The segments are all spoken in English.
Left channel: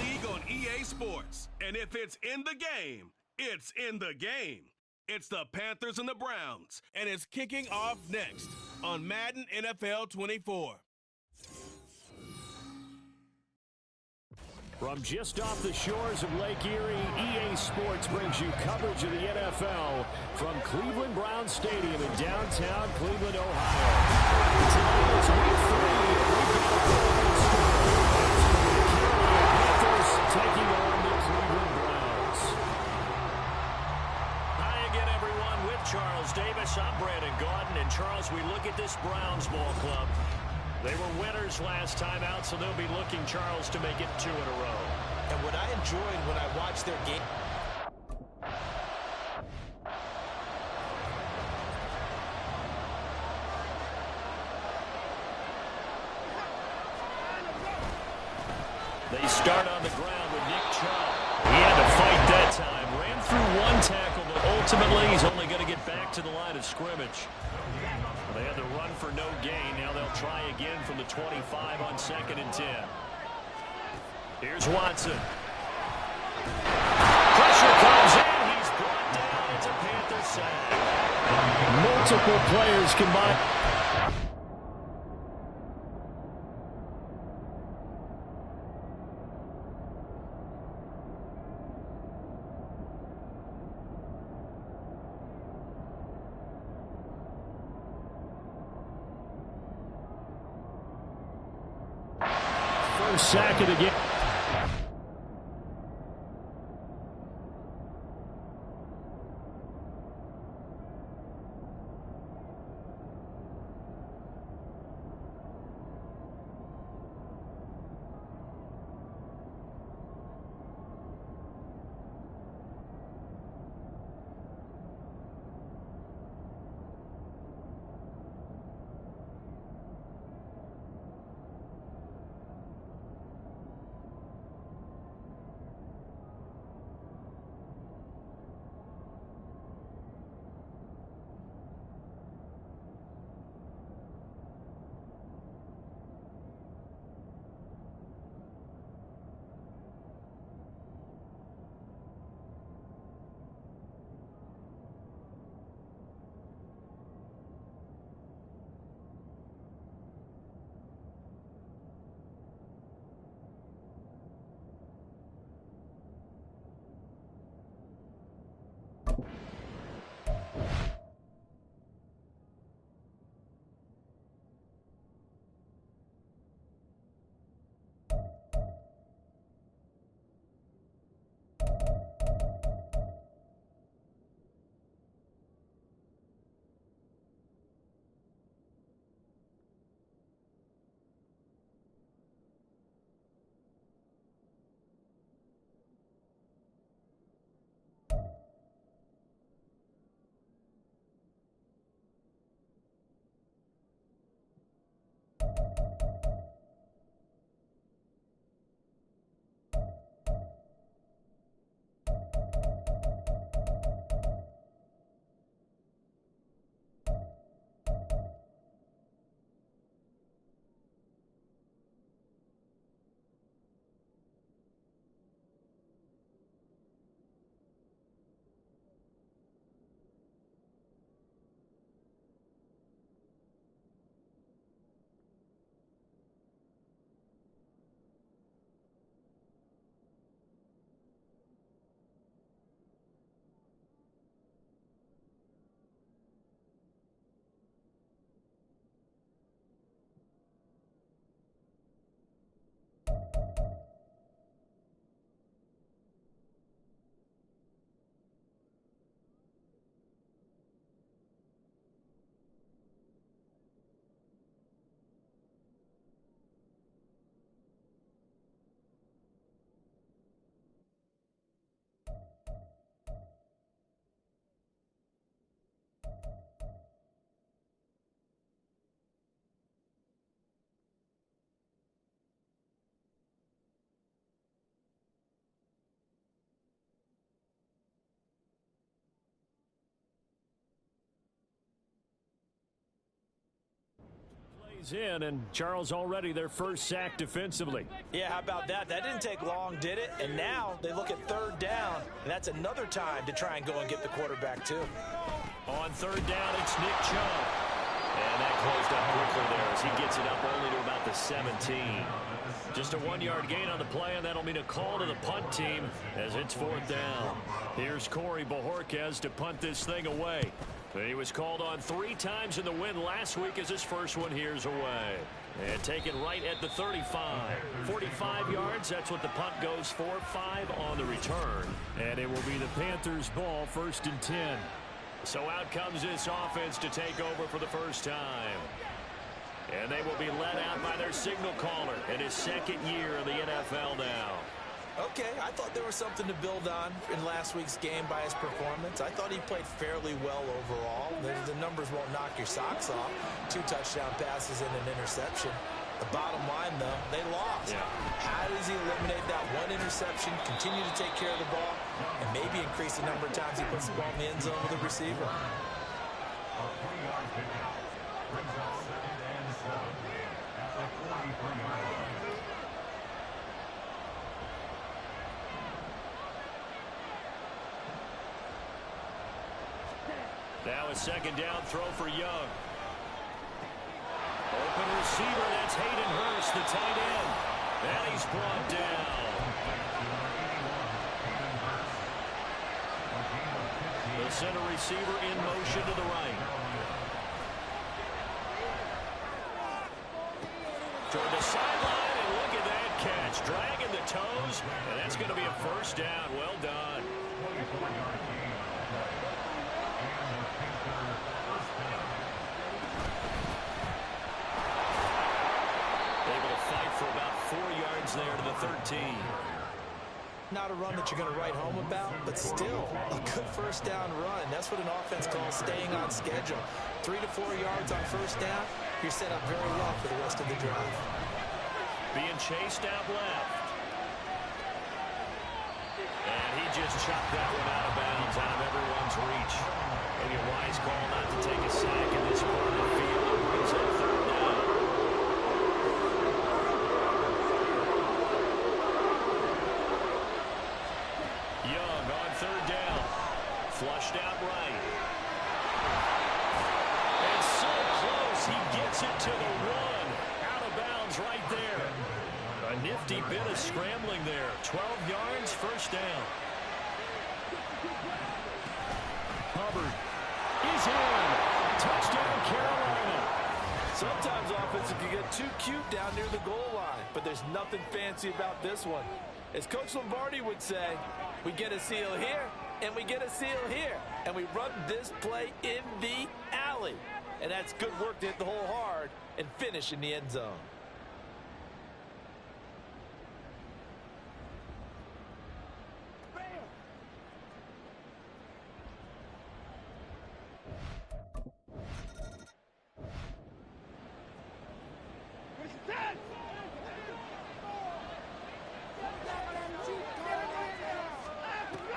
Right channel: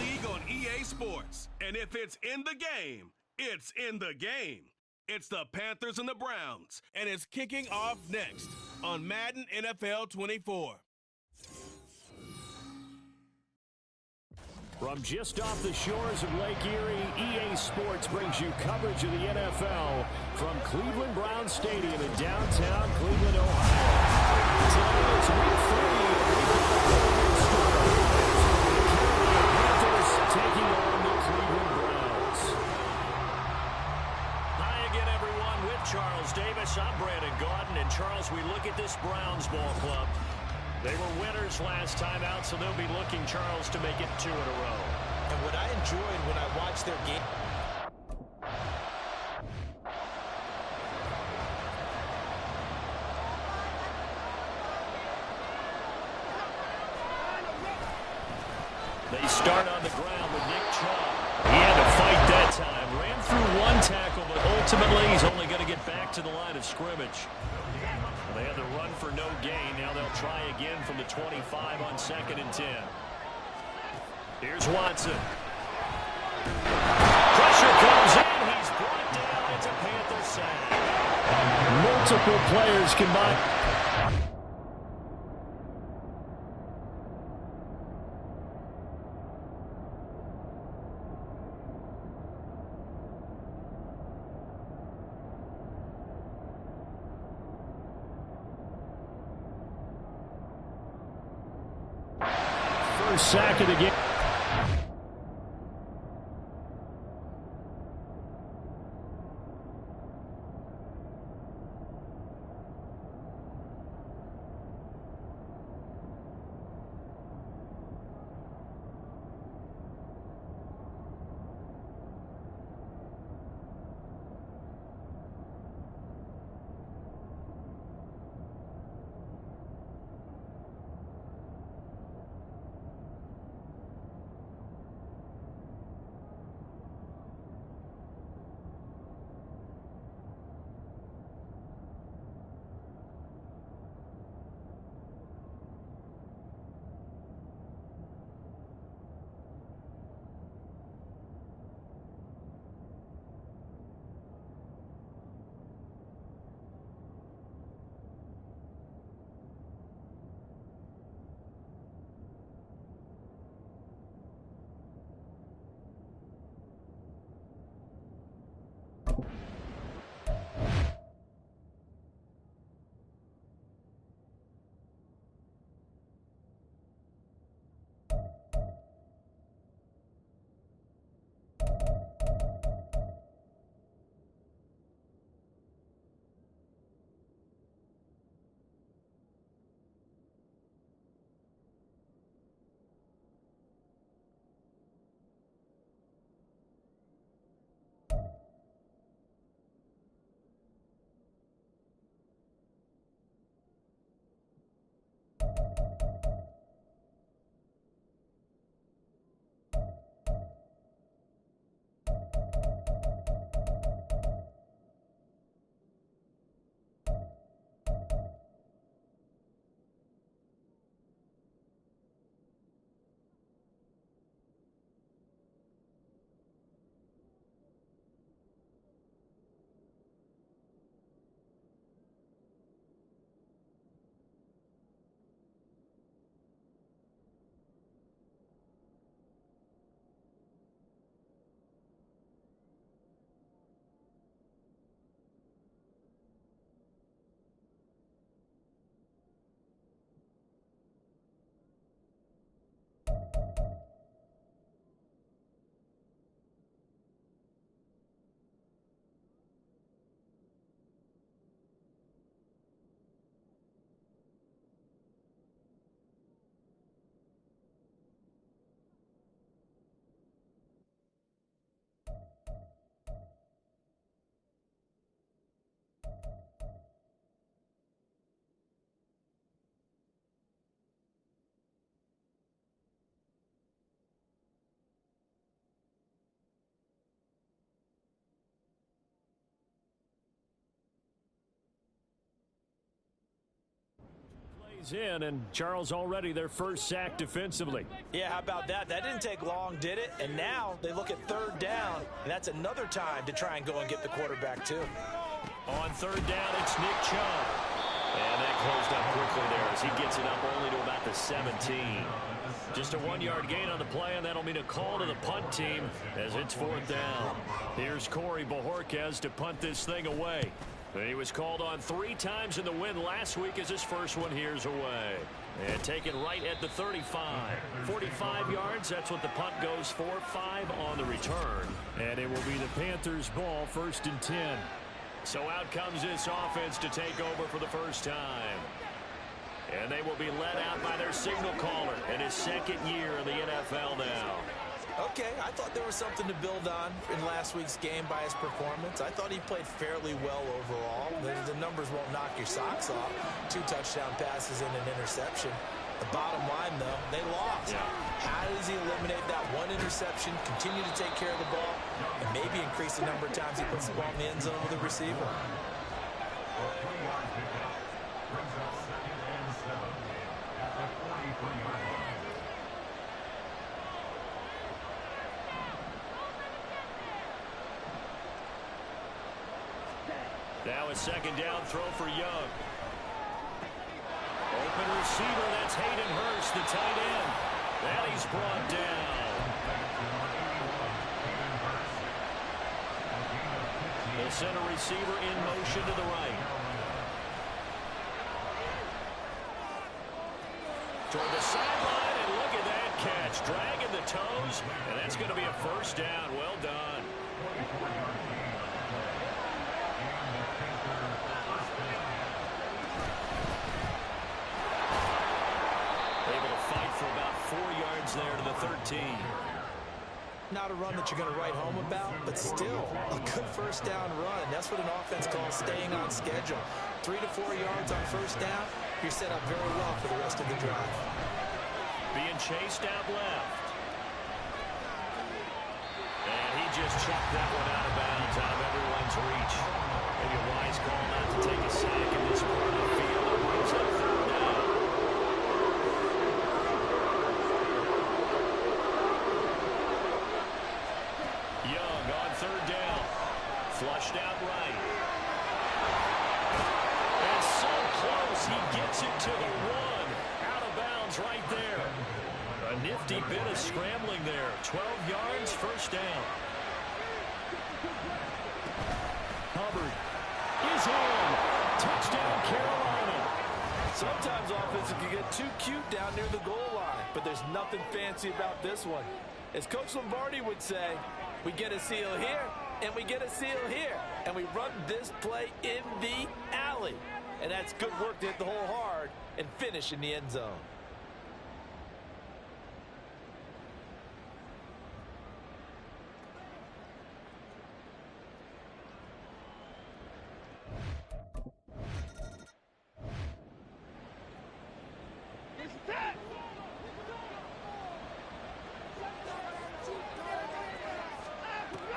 league on EA Sports. And if it's in the game, it's in the game. It's the Panthers and the Browns, and it's kicking off next on Madden NFL 24. From just off the shores of Lake Erie, EA Sports brings you coverage of the NFL from Cleveland Browns Stadium in downtown Cleveland, Ohio. Today it's week 3. We've got a big story. The Carolina Panthers taking on the Cleveland Browns. Hi again, everyone. With Charles Davis, I'm Brandon Gaudin. And Charles, we look at this Browns ball club. They were winners last time out, so they'll be looking, Charles, to make it 2 in a row. And what I enjoyed when I watched their game... They start on the ground with Nick Chubb. He had to fight that time. Ran through one tackle, but ultimately he's only going to get back to the line of scrimmage. They had the run for no gain. Now they'll try again from the 25 on 2nd and 10. Here's Watson. Pressure comes in. He's brought down. It's a Panther sack. Multiple players combined. First sack of the game. He's in, and Charles already their first sack defensively. Yeah, how about that? That didn't take long, did it? And now they look at third down, and that's another time to try and go and get the quarterback too. On third down, it's Nick Chubb. And that closed up quickly there as he gets it up only to about the 17. Just a 1-yard gain on the play, and that'll mean a call to the punt team as it's fourth down. Here's Corey Bojorquez to punt this thing away. He was called on 3 times in the win last week as his first one here's away. And taken right at the 35. 45 yards, that's what the punt goes for. 5 on the return. And it will be the Panthers' ball, 1st and 10. So out comes this offense to take over for the first time. And they will be led out by their signal caller in his 2nd year in the NFL now. Okay, I thought there was something to build on in last week's game by his performance. I thought he played fairly well overall. The numbers won't knock your socks off. 2 touchdown passes and an interception. The bottom line, though, they lost. Yeah. How does he eliminate that 1 interception, continue to take care of the ball, and maybe increase the number of times he puts the ball in the end zone with a receiver? Now a 2nd down throw for Young. Open receiver, that's Hayden Hurst, the tight end. And he's brought down. The center receiver in motion to the right. Toward the sideline, and look at that catch. Dragging the toes, and that's going to be a 1st down. Well done. Able to fight for about 4 yards there to the 13. Not a run that you're going to write home about, but still a good 1st down run. That's what an offense calls staying on schedule. 3 to 4 yards on 1st down, you're set up very well for the rest of the drive. Being chased out left. And he just chucked that one out of bounds, out of everyone's reach. Maybe a wise call not to take a sack in this part of the field that brings up 3rd down. Young on 3rd down. Flushed out right. And so close, he gets it to the 1. Out of bounds right there. A nifty bit of scrambling there. 12 yards, 1st down. Hubbard is in. Touchdown, Carolina. Sometimes offenses can get too cute down near the goal line, but there's nothing fancy about this one. As Coach Lombardi would say, we get a seal here, and we get a seal here, and we run this play in the alley. And that's good work to hit the hole hard and finish in the end zone.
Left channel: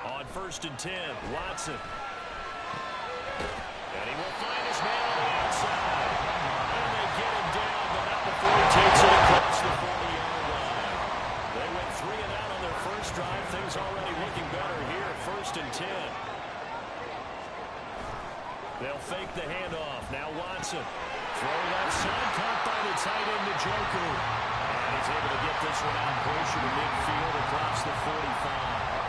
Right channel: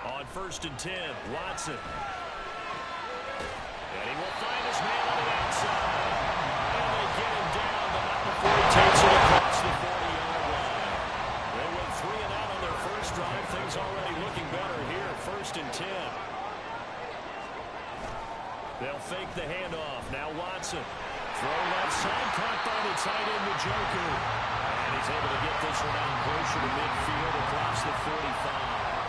On 1st and 10, Watson. And he will find his man on the outside. And they get him down, but not before he takes it across the 40-yard line. They went 3 and out on their first drive. Things already looking better here. 1st and 10. They'll fake the handoff. Now Watson. Throw left side, caught by the tight end, Njoku. And he's able to get this one out closer to midfield across the 45.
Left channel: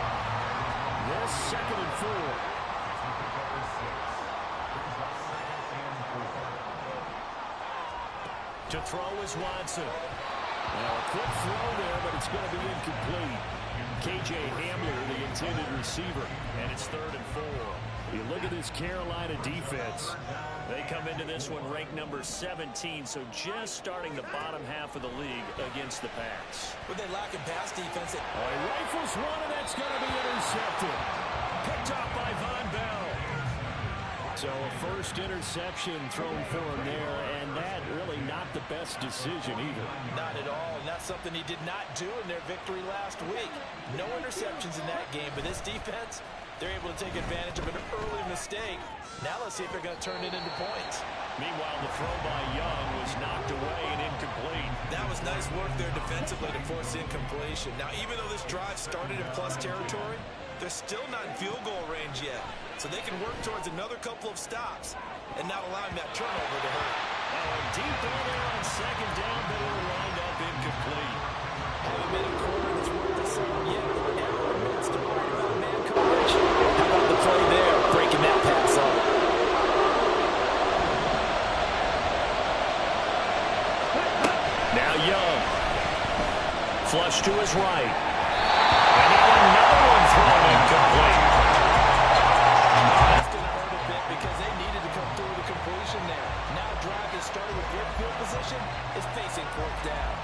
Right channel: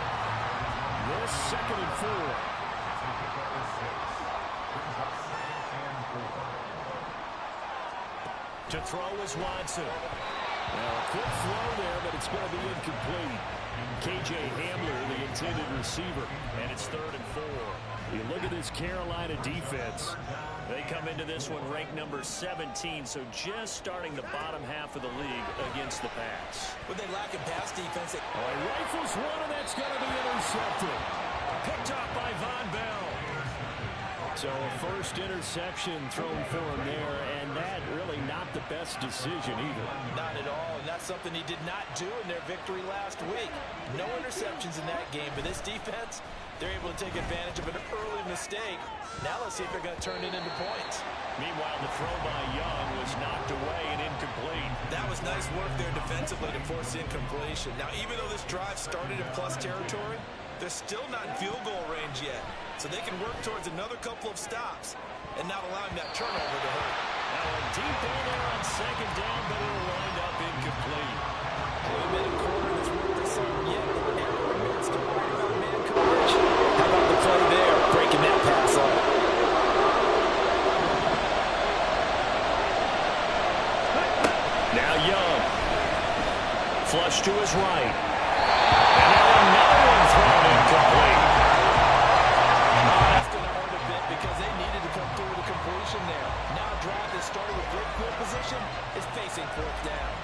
This 2nd and 4. To throw is Watson. Now a quick throw there, but it's going to be incomplete. K.J. Hamler, the intended receiver. And it's 3rd and 4. You look at this Carolina defense. They come into this one ranked number 17, so just starting the bottom half of the league against the pass. But they lack in pass defense. He rifles one, and that's going to be intercepted. Picked off by Von Bell. So a first interception thrown for him there, and that really not the best decision either. Not at all, and that's something he did not do in their victory last week. No interceptions in that game, but this defense, they're able to take advantage of an early mistake. Now let's see if they're going to turn it into points. Meanwhile, the throw by Young was knocked away and incomplete. That was nice work there defensively to force the incompletion. Now, even though this drive started in plus territory, they're still not in field goal range yet. So they can work towards another couple of stops and not allowing that turnover to hurt. Now a deep ball there on second down, but it'll wind up incomplete. We made a corner that's worth the sum yet. Never admits to worry about man coverage. How about the play there, breaking that pass up? Now Young. Flush to his right. And now another one thrown incomplete. Oh, that's going to hurt a bit because they needed to come through with a completion there. Now a drive that started with great field position is facing fourth down.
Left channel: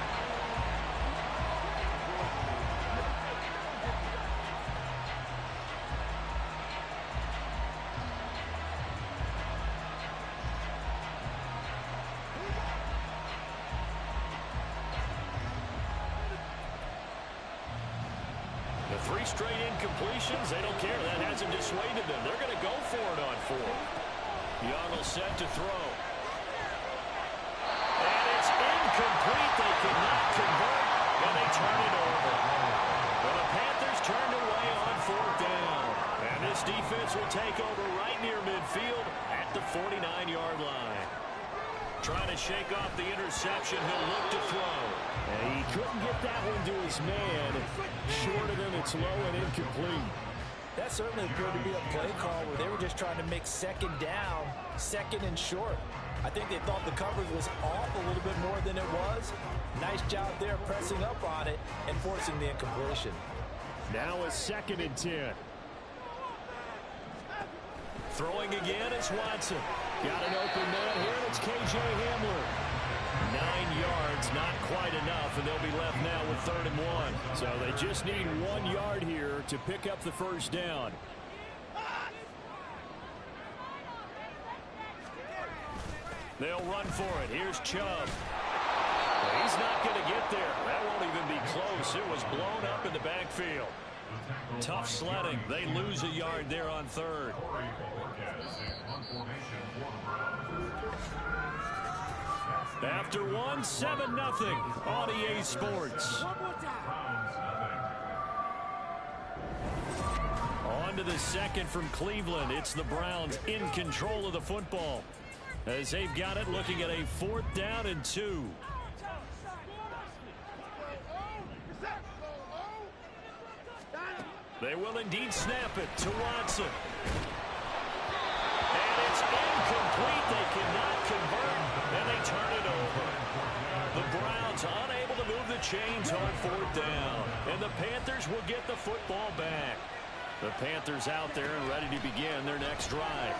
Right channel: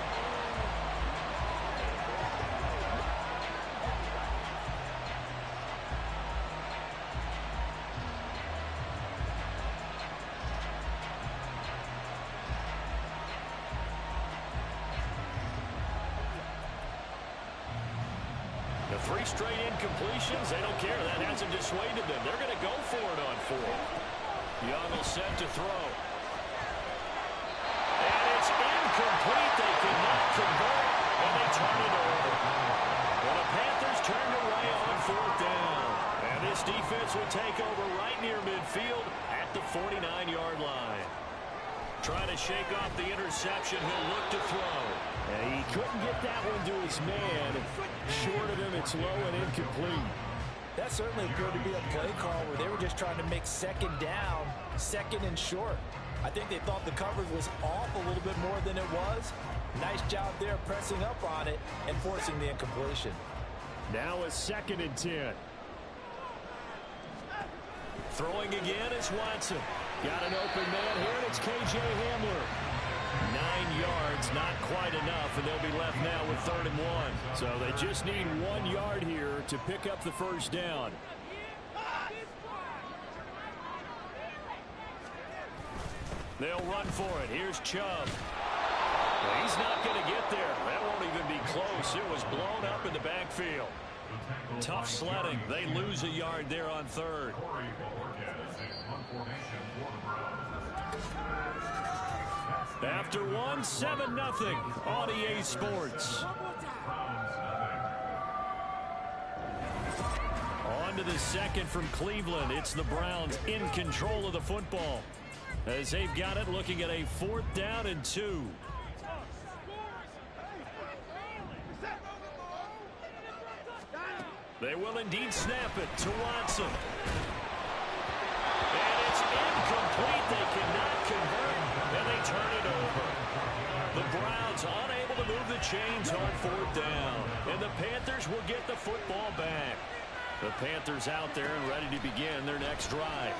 The 3 straight incompletions, they don't care. That hasn't dissuaded them. They're going to go for it on 4. Young will set to throw. And it's incomplete. They cannot convert, and they turn it over. Well, the Panthers turned away on 4th down. And this defense will take over right near midfield at the 49-yard line. Trying to shake off the interception. He'll look to throw. And he couldn't get that one to his man. Short of him, it's low and incomplete. That certainly appeared to be a play call where they were just trying to make second down, second and short. I think they thought the coverage was off a little bit more than it was. Nice job there pressing up on it and forcing the incompletion. Now a 2nd and 10. Throwing again is Watson. Got an open man here, and it's K.J. Hamler. 9 yards, not quite enough, and they'll be left now with 3rd and 1. So they just need 1 yard here to pick up the first down. They'll run for it. Here's Chubb. Well, he's not going to get there. That won't even be close. It was blown up in the backfield. Tough sledding. They lose a yard there on 3rd. After 1, 7-0 on EA Sports. On to the second from Cleveland. It's the Browns in control of the football, as they've got it looking at a 4th down and 2. They will indeed snap it to Watson. And it's incomplete. They cannot convert, and they turn it over. The Browns unable to move the chains on 4th down, and the Panthers will get the football back. The Panthers out there and ready to begin their next drive.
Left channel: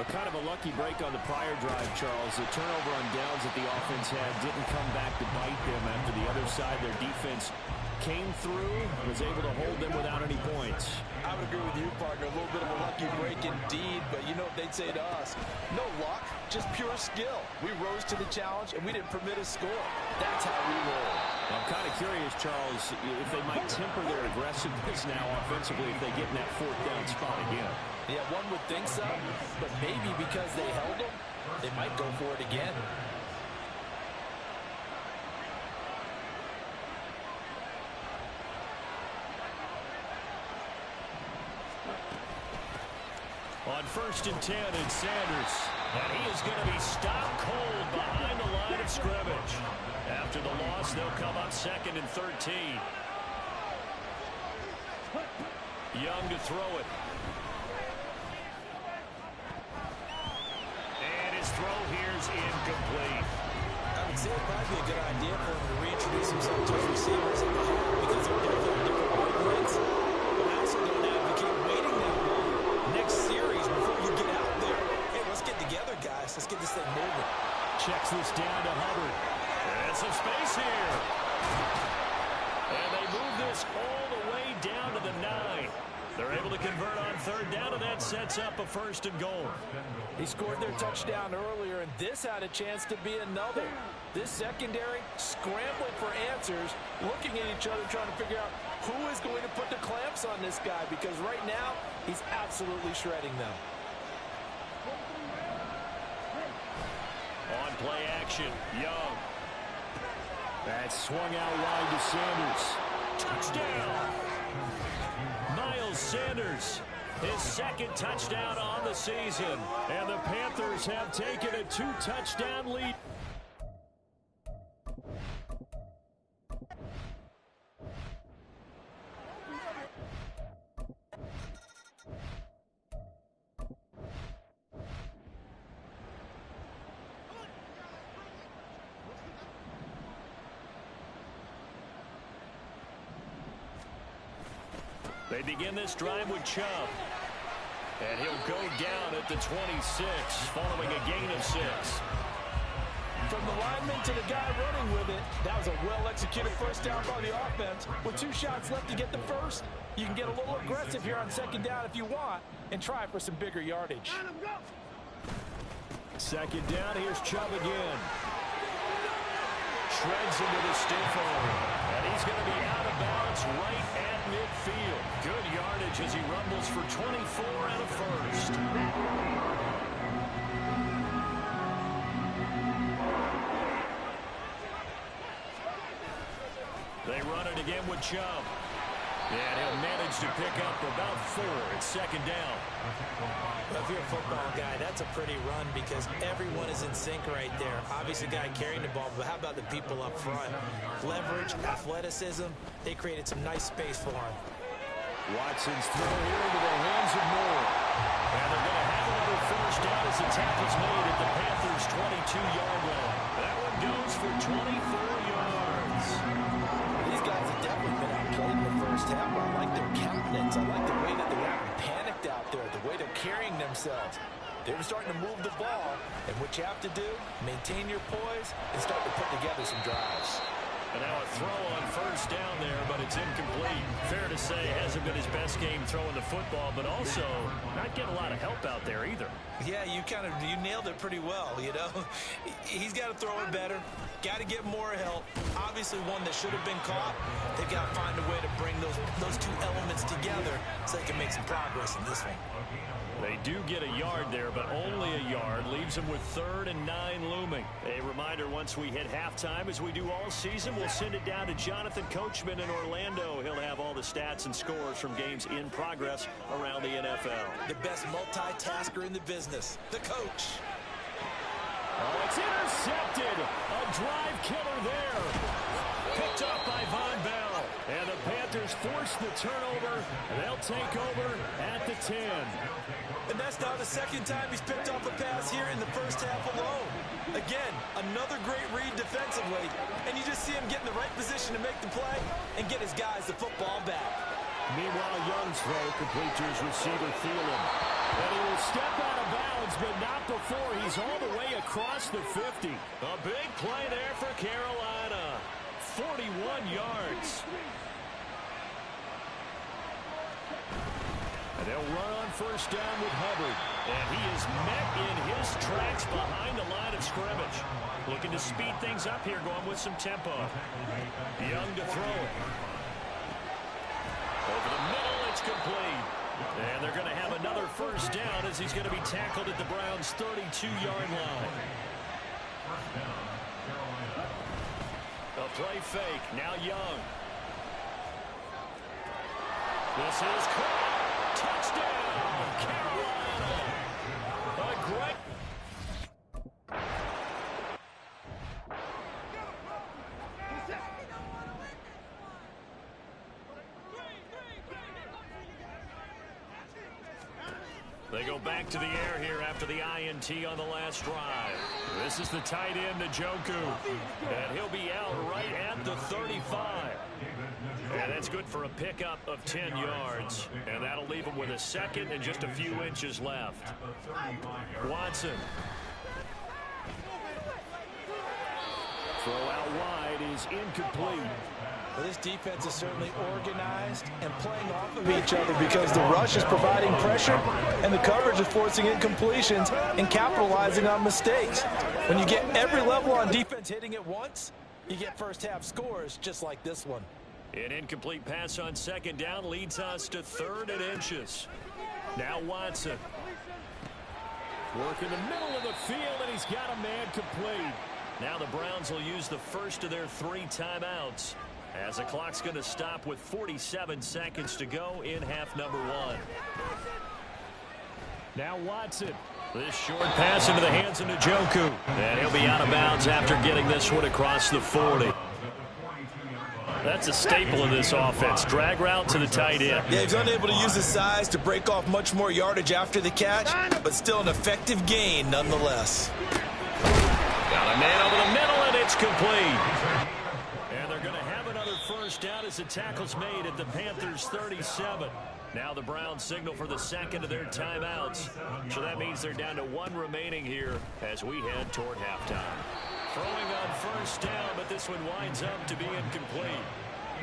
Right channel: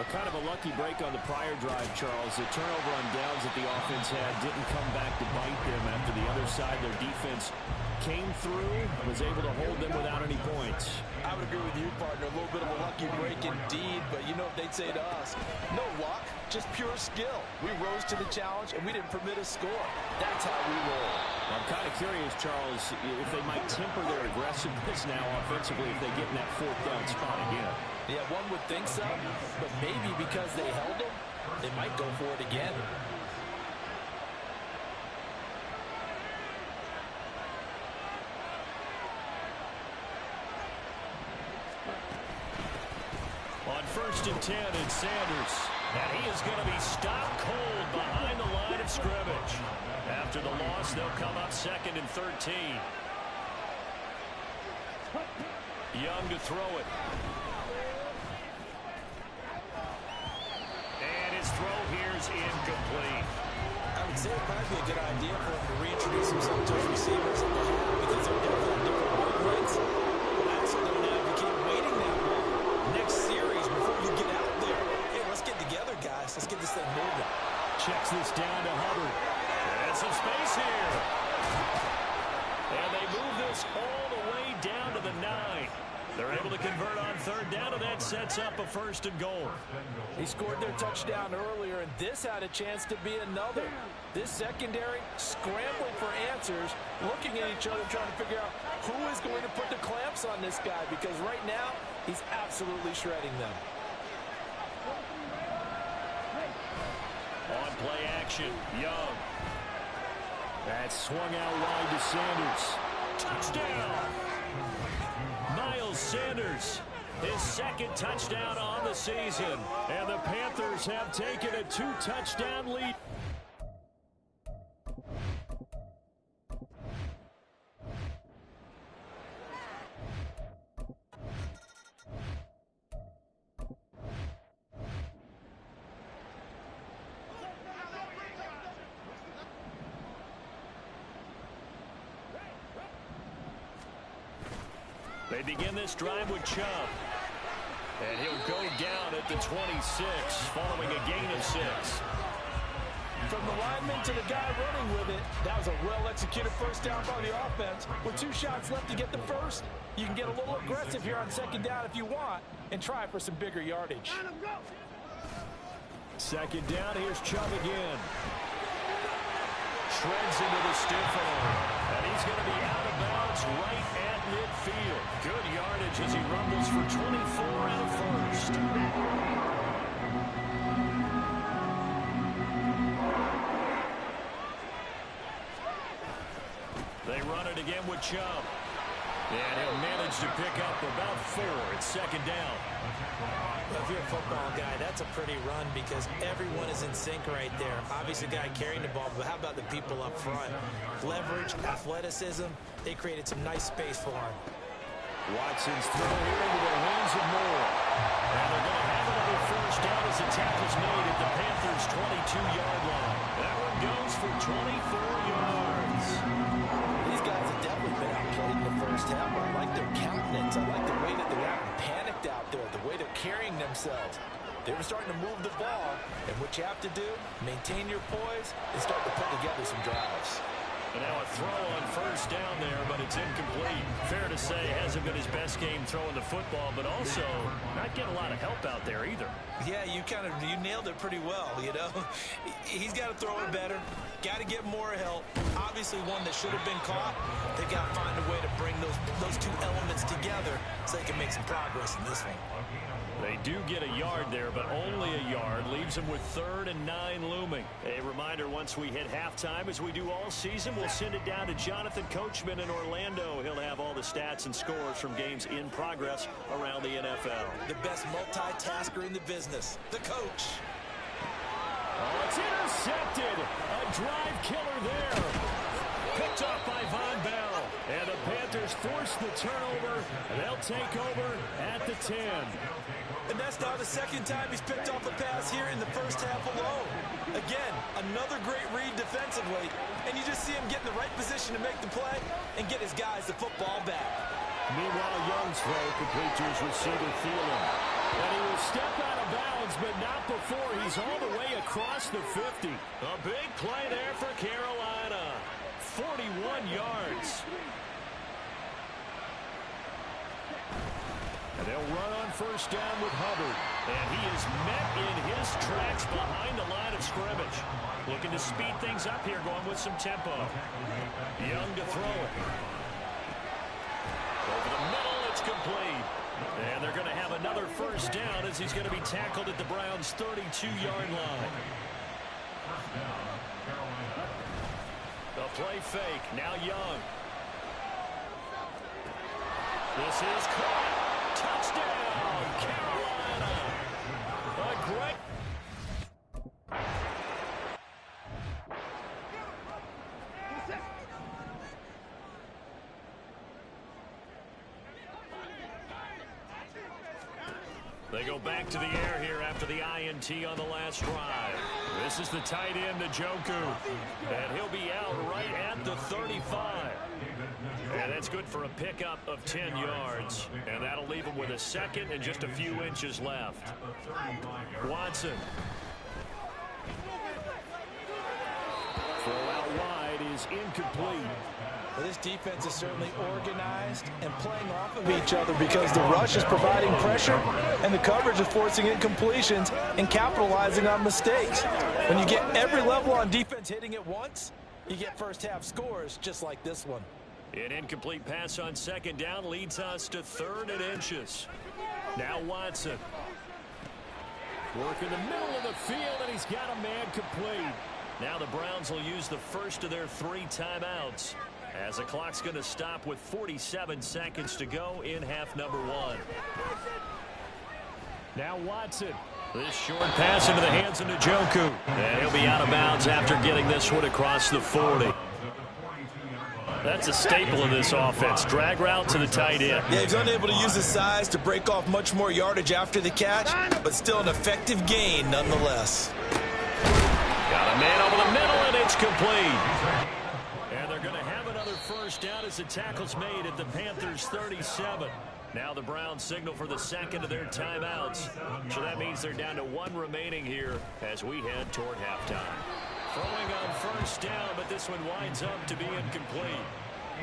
A kind of a lucky break on the prior drive, Charles. The turnover on downs that the offense had didn't come back to bite them after the other side. Their defense came through, was able to hold them without any points. I would agree with you, partner. A little bit of a lucky break indeed, but you know what they'd say to us? No luck, just pure skill. We rose to the challenge, and we didn't permit a score. That's how we roll. I'm kind of curious, Charles, if they might temper their aggressiveness now offensively if they get in that 4th down spot again. Yeah, one would think so, but maybe because they held them, they might go for it again. On 1st and 10, it's Sanders. And he is going to be stopped cold behind the line of scrimmage. After the loss, they'll come up 2nd and 13. Young to throw it. And his throw here is incomplete. I would say it'd probably be a good idea for him to reintroduce himself to his receivers at the half because they're definitely on different wavelengths. But I also don't advocate waiting that long. Next series, before you get out there, hey, let's get together, guys. Let's get this thing moving. Checks this down to Hubbard. And some space here. And they move this all the way down to the 9. They're able to convert on 3rd down, and that sets up a 1st and goal. He scored their touchdown earlier, and this had a chance to be another. This secondary scrambling for answers, looking at each other, trying to figure out who is going to put the clamps on this guy, because right now he's absolutely shredding them. On play action, Young. That swung out wide to Sanders. Touchdown! Miles Sanders, his second touchdown on the season. And the Panthers have taken a 2-touchdown lead. They begin this drive with Chubb. And he'll go down at the 26, following a gain of 6. From the lineman to the guy running with it, that was a well-executed first down by the offense. With 2 shots left to get the first, you can get a little aggressive here on second down if you want and try for some bigger yardage. Second down, here's Chubb again. Shreds into the stiff arm. And he's going to be out of bounds right at midfield. Good yardage as he rumbles for 24 and a first. They run it again with Chubb. And he'll manage to pick up about 4 at second down. Well, if you're a football guy, that's a pretty run because everyone is in sync right there. Obviously, the guy carrying the ball, but how about the people up front? Leverage, athleticism, they created some nice space for him. Watson's throw here into the hands of Moore. And they're going to have another first down as the tackle's made at the Panthers' 22-yard line. That one goes for 24 yards. These guys have definitely been outplayed in the first half. I like their countenance. I like the way that they're acting panicked out there, the way they're carrying themselves. They were starting to move the ball, and what you have to do, maintain your poise and start to put together some drives. And now a throw on first down there, but it's incomplete. Fair to say, hasn't been his best game throwing the football, but also not getting a lot of help out there either. Yeah, you nailed it pretty well, you know. He's got to throw it better. Got to get more help. Obviously one that should have been caught. They've got to find a way to bring those 2 elements together so they can make some progress in this one. They do get a yard there, but only a yard. Leaves them with 3rd and 9 looming. A reminder, once we hit halftime, as we do all season, we'll send it down to Jonathan Coachman in Orlando. He'll have all the stats and scores from games in progress around the NFL. The best multitasker in the business, the coach. Oh, it's intercepted. A drive killer there. Picked up by Von Bell. And the Panthers force the turnover, and they'll take over at the 10. And that's now the second time he's picked off a pass here in the first half alone. Again, another great read defensively, and you just see him get in the right position to make the play and get his guys the football back. Meanwhile, Young's throw complete to his receiver, Thielen. And he will step out of bounds, but not before he's all the way across the 50. A big play there for Carolina. 41 yards. And they'll run on first down with Hubbard. And he is met in his tracks behind the line of scrimmage. Looking to speed things up here, going with some tempo. Young to throw it. Over the middle, it's complete. And they're going to have another first down as he's going to be tackled at the Browns' 32-yard line. A play fake. Now Young. This is caught. Touchdown, Carolina. A great. They go back to the air here after the INT on the last drive. This is the tight end, Njoku. And he'll be out right at the 35. And that's good for a pickup of 10 yards. And that'll leave him with a second and just a few inches left. Watson. Throw out wide is incomplete. Well, this defense is certainly organized and playing off of each other because the rush is providing pressure and the coverage is forcing incompletions and capitalizing on mistakes. When you get every level on defense hitting at once, you get first half scores just like this one. An incomplete pass on second down leads us to 3rd and inches. Now Watson. Working the middle of the field, and he's got a man complete. Now the Browns will use the first of their 3 timeouts, as the clock's going to stop with 47 seconds to go in half number 1. Now Watson. This short pass into the hands of Njoku. And he'll be out of bounds after getting this one across the 40. That's a staple of this offense. Drag route to the tight end. Yeah, he's unable to use his size to break off much more yardage after the catch, but still an effective gain nonetheless. Got a man over the middle, and it's complete. And they're going to have another first down as the tackle's made at the Panthers' 37. Now the Browns signal for the second of their timeouts. So that means they're down to 1 remaining here as we head toward halftime. Throwing on first down, but this one winds up to be incomplete.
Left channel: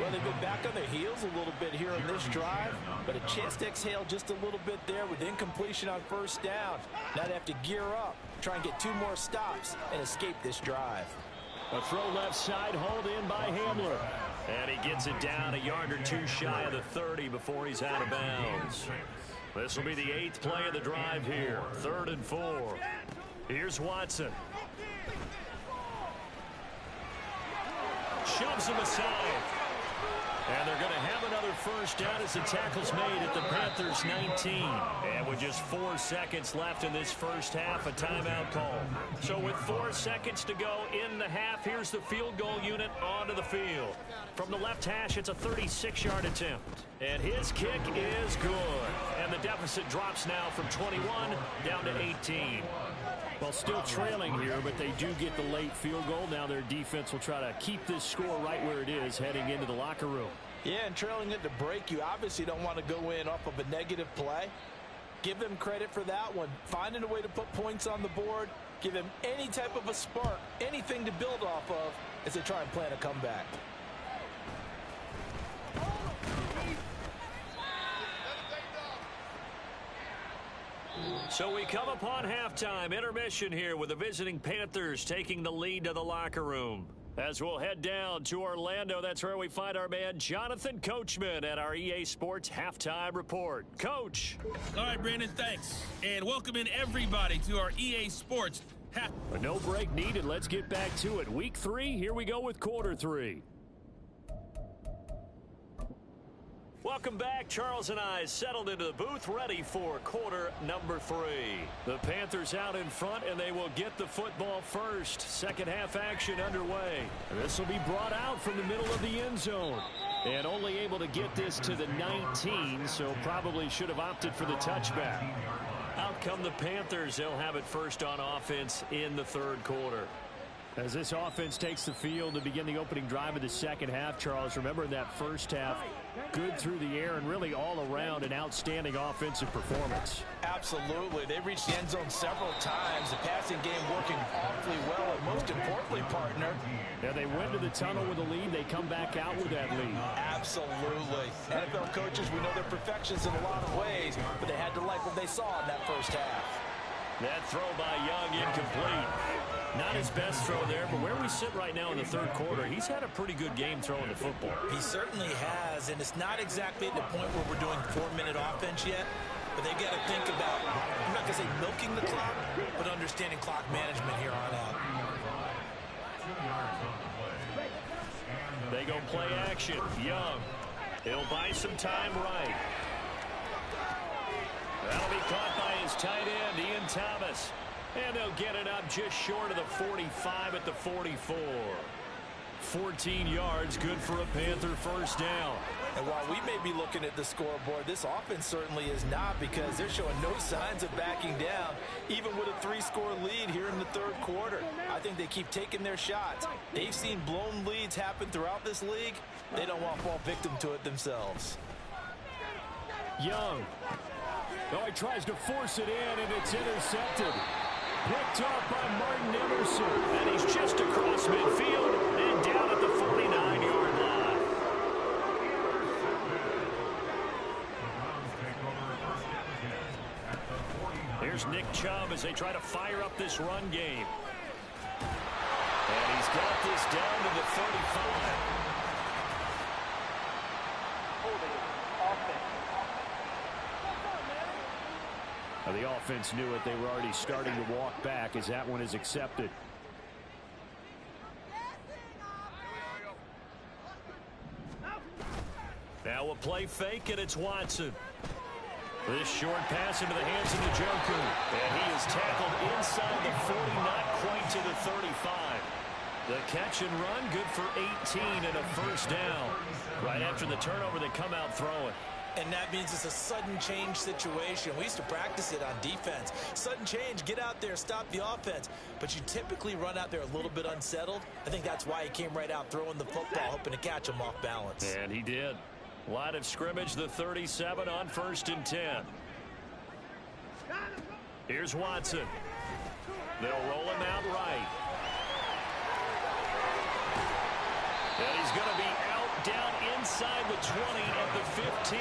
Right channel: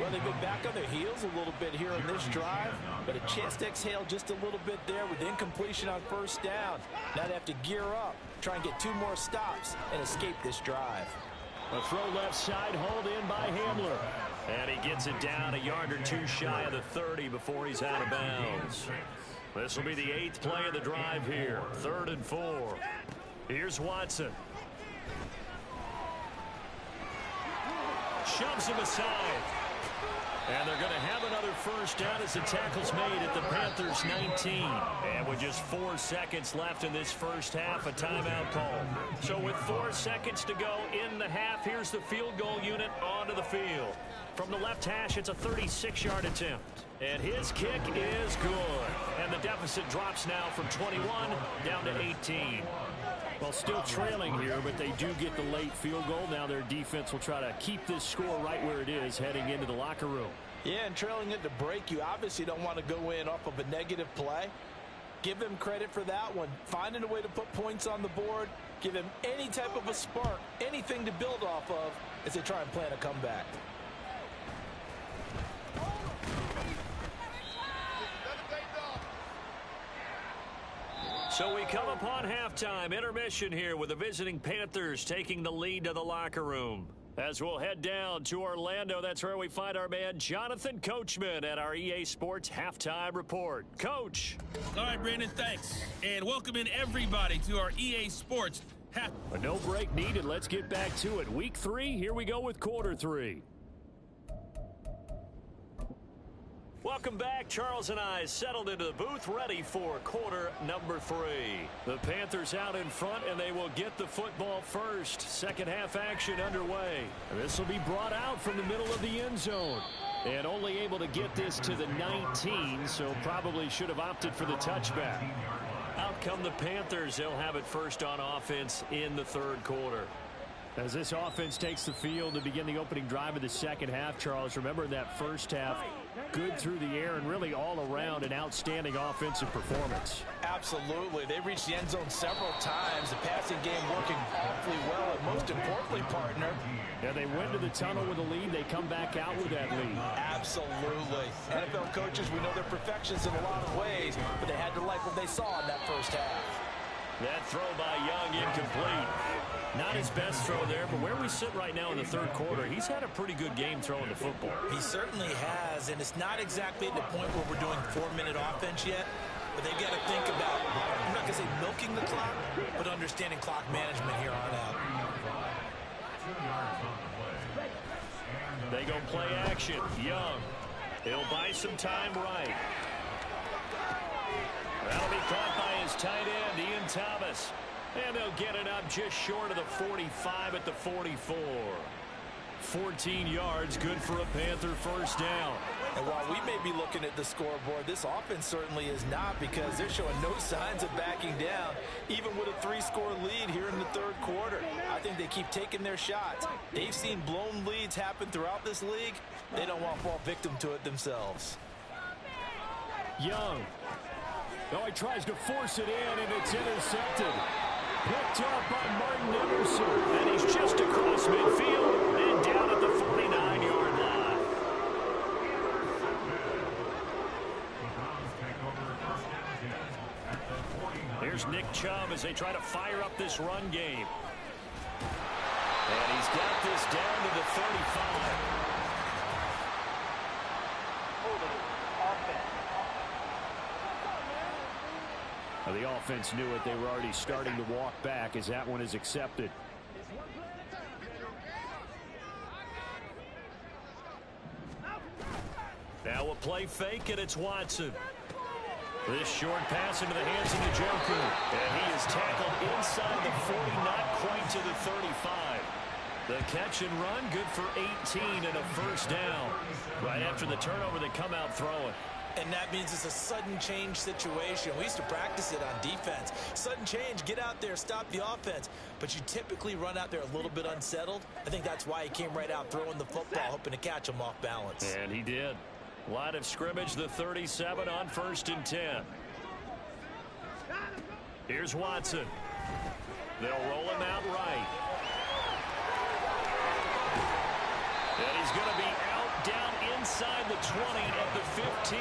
Well, they've been back on their heels a little bit here on this drive, but a chance to exhale just a little bit there with incompletion on first down. Now they have to gear up, try and get 2 more stops, and escape this drive. A throw left side, hauled in by Hamler. And he gets it down a yard or 2 shy of the 30 before he's out of bounds. This will be the 8th play of the drive here. 3rd and 4. Here's Watson. Shoves him aside. And they're going to have another first down as the tackle's made at the Panthers' 19. And with just 4 seconds left in this first half, a timeout call. So with 4 seconds to go in the half, here's the field goal unit onto the field. From the left hash, it's a 36-yard attempt. And his kick is good. And the deficit drops now from 21 down to 18. Well, still trailing here, but they do get the late field goal. Now their defense will try to keep this score right where it is heading into the locker room. Yeah, and trailing it to break, you obviously don't want to go in off of a negative play. Give them credit for that one. Finding a way to put points on the board, give them any type of a spark, anything to build off of as they try and plan a comeback. So we come upon halftime intermission here with the visiting Panthers taking the lead to the locker room. As we'll head down to Orlando, that's where we find our man Jonathan Coachman at our EA Sports Halftime Report. Coach. All right, Brandon, thanks. And welcome in everybody to our EA Sports A no break needed. Let's get back to it. Week 3, here we go with quarter 3. Welcome back. Charles and I settled into the booth ready for quarter number 3. The Panthers out in front, and they will get the football first. Second half action underway. This will be brought out from the middle of the end zone. And only able to get this to the 19, so probably should have opted for the touchback. Out come the Panthers. They'll have it first on offense in the 3rd quarter. As this offense takes the field to begin the opening drive of the second half, Charles, remember in that first half, good through the air and really all around an outstanding offensive performance. Absolutely. They reached the end zone several times. The passing game working awfully well, and most importantly, partner. Yeah, they went to the tunnel with a lead. They come back out with that lead. Absolutely. NFL coaches, we know they're perfectionists in a lot of ways, but they had to like what they saw in that first half. That throw by Young incomplete. Not his best throw there, but where we sit right now in the 3rd quarter, he's had a pretty good game throwing the football. He certainly has, and it's not exactly at the point where we're doing 4-minute offense yet, but they've got to think about, I'm not going to say milking the clock, but understanding clock management here on out. They go play action. Young. He'll buy some time right. That'll be caught by his tight end, Ian Thomas. And they'll get it up just short of the 45 at the 44. 14 yards, good for a Panther first down. And while we may be looking at the scoreboard, this offense certainly is not, because they're showing no signs of backing down, even with a 3-score lead here in the 3rd quarter. I think they keep taking their shots. They've seen blown leads happen throughout this league. They don't want to fall victim to it themselves. Young. Oh, he tries to force it in, and it's intercepted. Picked up by Martin Emerson. And he's just across midfield and down at the 49-yard line. Here's Nick Chubb as they try to fire up this run game. And he's got this down to the 35. The offense knew it. They were already starting to walk back as that one is accepted. Now a play fake, and it's Watson. This short pass into the hands of Njoku. And he is tackled inside the 40, not quite to the 35. The catch and run, good for 18 and a first down. Right after the turnover, they come out throwing. And that means it's a sudden change situation. We used to practice it on defense. Sudden change, get out there, stop the offense. But you typically run out there a little bit unsettled. I think that's why he came right out throwing the football, hoping to catch him off balance. And he did. Line of scrimmage, the 37 on 1st and 10. Here's Watson. They'll roll him out right. And he's going to be out down inside the 20 at the 15.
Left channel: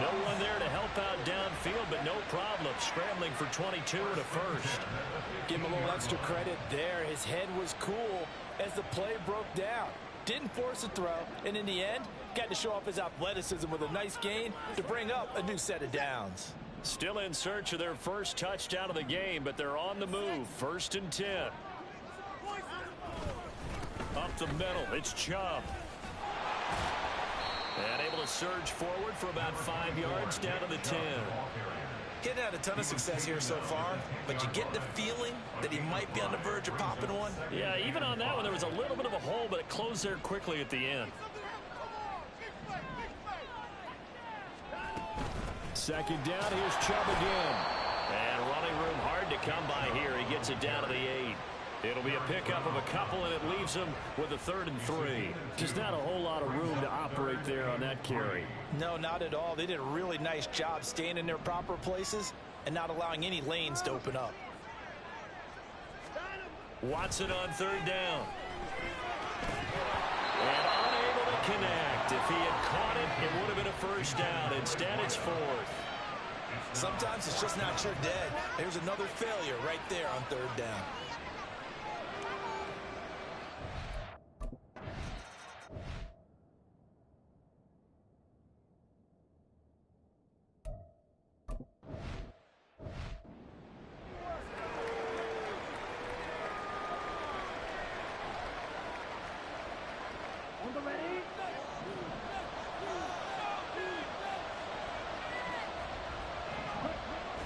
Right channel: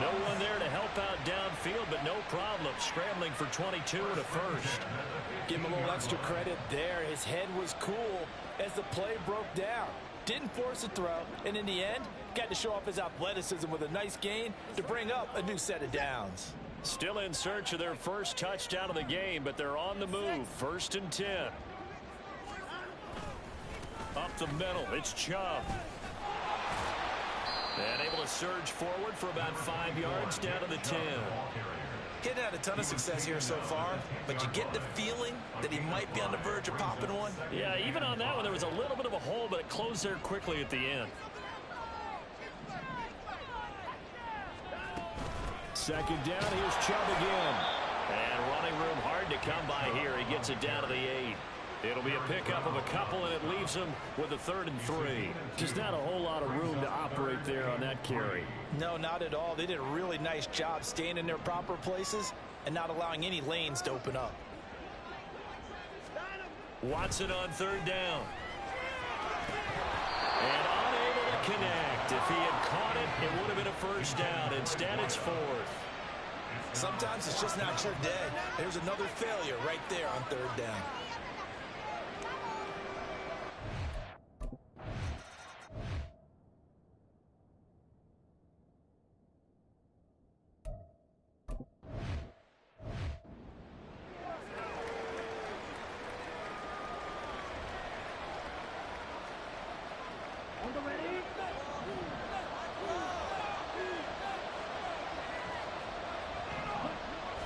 No one there to help out downfield, but no problem. Scrambling for 22 and a first. Give him a little extra credit there. His head was cool as the play broke down. Didn't force a throw, and in the end, got to show off his athleticism with a nice gain to bring up a new set of downs. Still in search of their first touchdown of the game, but they're on the move. 1st and 10. Up the middle, it's Chubb. And able to surge forward for about 5 yards down to the 10. Getting had a ton of success here so far, but you get the feeling that he might be on the verge of popping one. Yeah, even on that one, there was a little bit of a hole, but it closed there quickly at the end. 2nd down, here's Chubb again. And running room hard to come by here. He gets it down to the 8. It'll be a pickup of a couple, and it leaves him with a 3rd and 3. Just not a whole lot of room to operate there on that carry. No, not at all. They did a really nice job staying in their proper places and not allowing any lanes to open up. Watson on 3rd down. And unable to connect. If he had caught it, it would have been a first down. Instead, it's 4th. Sometimes it's just not your day. There's another failure right there on 3rd down.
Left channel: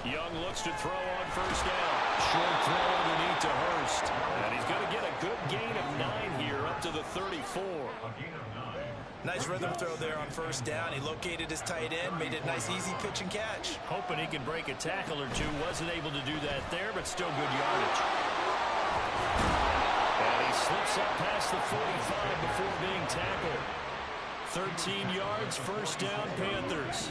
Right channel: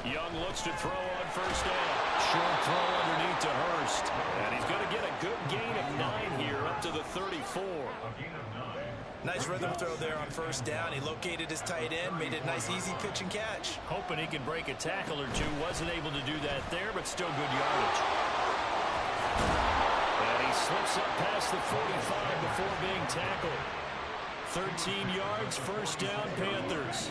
Young looks to throw on 1st down. Short throw underneath to Hurst. And he's going to get a good gain of 9 here up to the 34. Nice rhythm throw there on 1st down. He located his tight end, made it a nice easy pitch and catch. Hoping he can break a tackle or two. Wasn't able to do that there, but still good yardage. And he slips up past the 45 before being tackled. 13 yards, 1st down, Panthers.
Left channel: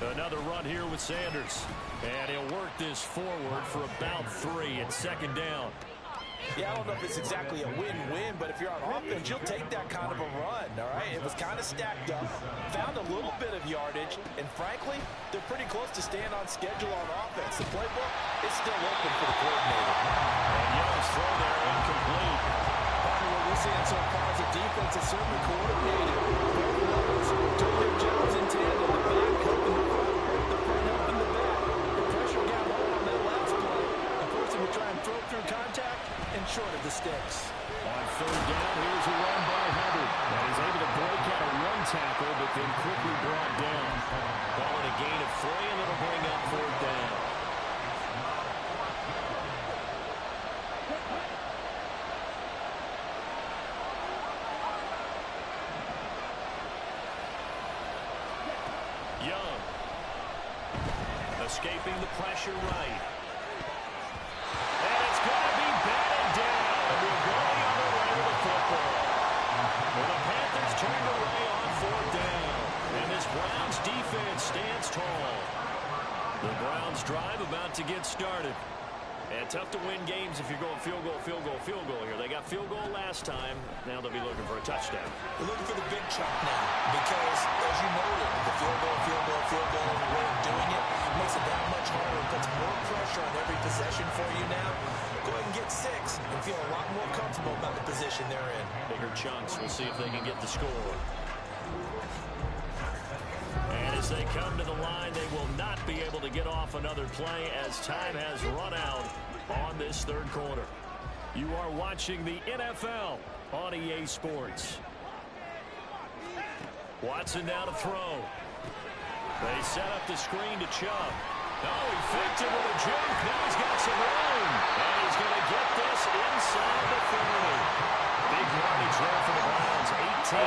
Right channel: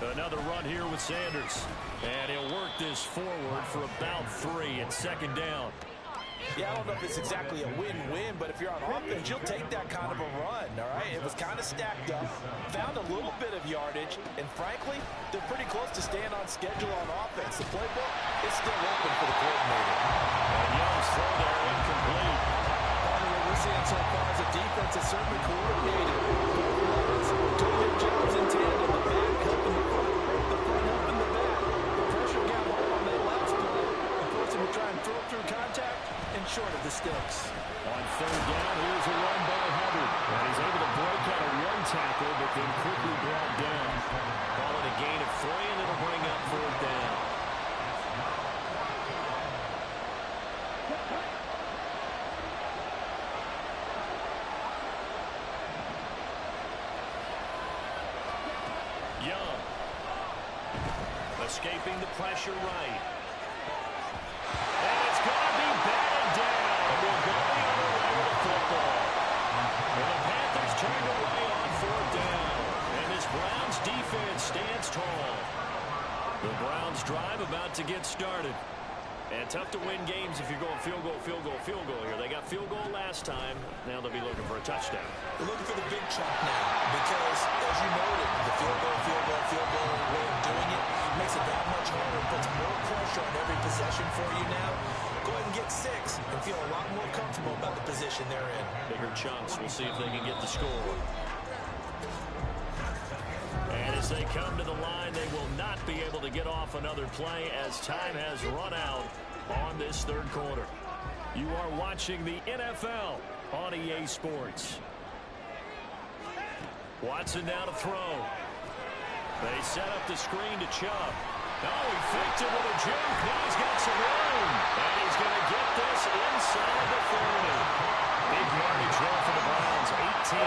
Another run here with Sanders. And he'll work this forward for about 3 at 2nd down. Yeah, I don't know if it's exactly a win-win, but if you're on offense, you'll take that kind of a run, all right? It was kind of stacked up, found a little bit of yardage, and frankly, they're pretty close to staying on schedule on offense. The playbook is still open for the coordinator. And Young's throw there incomplete. Partner, what we're seeing so far is a defense that's certainly coordinated. Both levels doing their jobs in tandem. The back helping the front helping the back. The pressure got home on that last play and forced him to try and throw through contact and short of the sticks. On 3rd down, here's a run by Hubbard. And he's able to break out a run tackle, but then quickly brought down. Call it a gain of 3, and it'll bring up 4th down. Young. Escaping the pressure right. And it's going to be batted down. And we'll go the other way with the football. And the Panthers turned away on 4th down. And this Browns defense stands tall. The Browns drive about to get started. And tough to win games if you're going field goal, field goal, field goal here. They got field goal last time. Now they'll be looking for a touchdown. They're looking for the big chunk now because, as you noted, the field goal way of doing it makes it that much harder. It puts more pressure on every possession for you now. Go ahead and get 6 and feel a lot more comfortable about the position they're in. Bigger chunks. We'll see if they can get the score. And as they come to the line, they will not be able to get off another play as time has run out on this third quarter. You are watching the NFL on EA Sports. Watson now to throw. They set up the screen to Chubb. Oh, he faked it with a juke. Now he's got some room. And he's going to get this inside the 30. Big yardage there for the Browns, 18.